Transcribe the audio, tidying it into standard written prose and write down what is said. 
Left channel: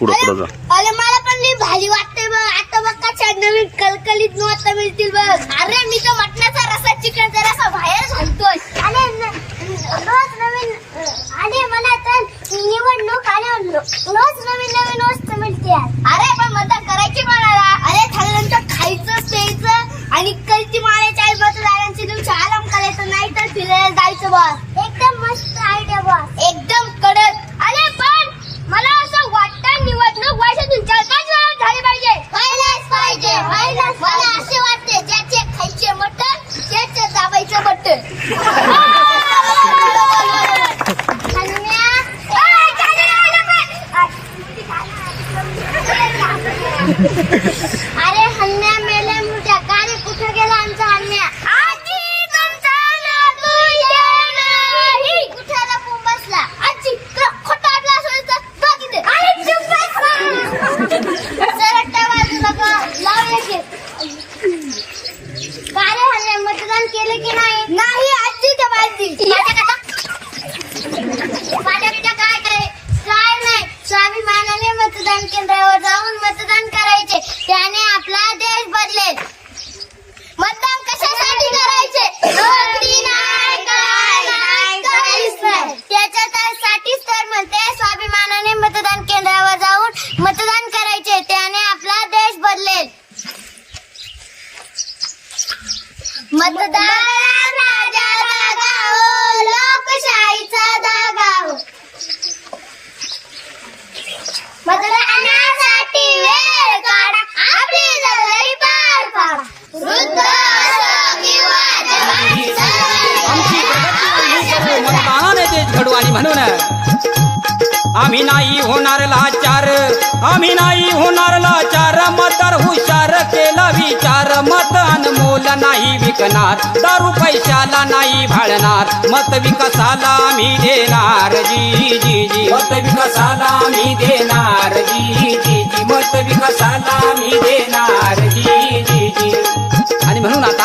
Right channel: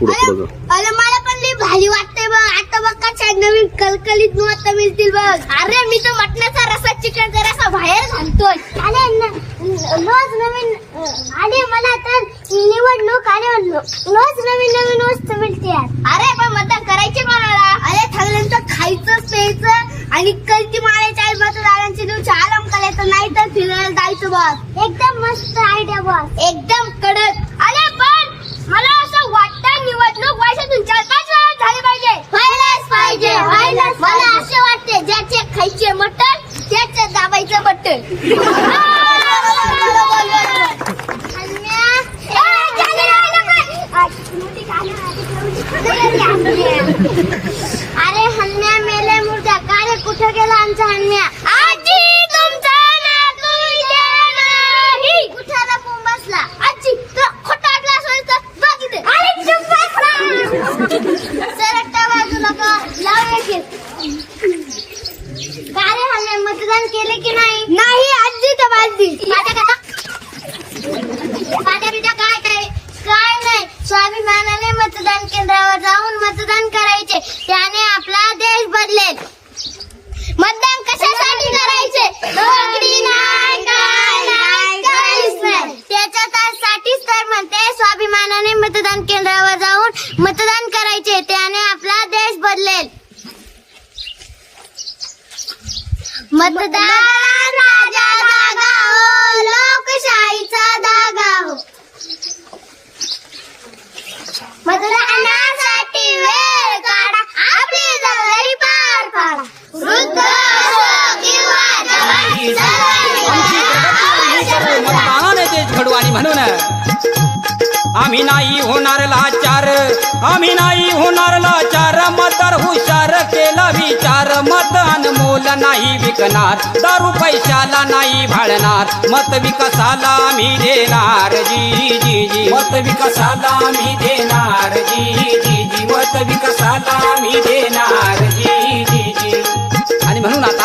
पुढे पुढे जा. अरे मला पण लई भारी वाटतंय बघ. आता बघ कशा नवीन कलकलीत नोट मिळतील बघ. अरे मी तो मटणाचा रसा चिकनचा रसा बाहेर घालतोय. अरे रोज नवीन आले मला तर निवडणूक आले रोज नवीन नवीन वस्तू मिळते. अरे पण मतदान करायचे कोणाला? अरे ठरल्यानंतर खायचं प्यायचं आणि कलती मारायच्या आई मतदारांची दिवशी आराम करायचं नाही तर फिरायला जायचं बॉस. एकदम मस्त आयडिया बॉस. एकदम कडक. अरे पण मला असं वाटतं निवडणूक वर्षातून 4-5 वेळा झाली पाहिजे. व्हायलाच पाहिजे. मला असे वाटते ज्याचे खायचे मटण त्याचे दाबायचं बटन. अरे हन्म्या मेले मुर्द्या का रे कुठे गेला आमचा हन्म्या? आजी तुमचा नातू इथे नाही. कुठे लपून बसला? आजी खोटा ग्लास व्हायचा बघ इथे. अरे सरकटा बाजूला का लावले का रे हन्म्या मतदान केले की नाही? नाही आजी तर बाजली. काय नाही स्वाभिमानाने मतदान केंद्रावर जाऊन मतदान करायचे. त्याने आपला देश बदलेल. मतदान कशासाठी करायचे? नोकरी नाही काहीच नाही. त्याच्यासाठीच तर म्हणते स्वाभिमानाने मतदान केंद्रावर जाऊन मतदान करायचे. त्याने आपला देश बदलेल. मतदान राजा जागा हो लोकशाहीचा धागा हो. मतदानासाठी वेळ काढा आपली जबाबदारी पार पाडा. वृद्ध असो किंवा जवान आमची प्रगती ही करू मतदानाने देश घडू. आणि म्हणून आम्ही नाही होणार लाचार. आम्ही नाही होणार लाचार. मतदार हुशार केला विचार. मत अनमोल नाही विकणार. दारू पैशाला नाही भाळणार. मत विकासाला आम्ही देणार. जी जी जी मत विकासाला आम्ही देणार. जी जी जी मत विकासाला आम्ही देणार. जी जी जी. आणि म्हणून आता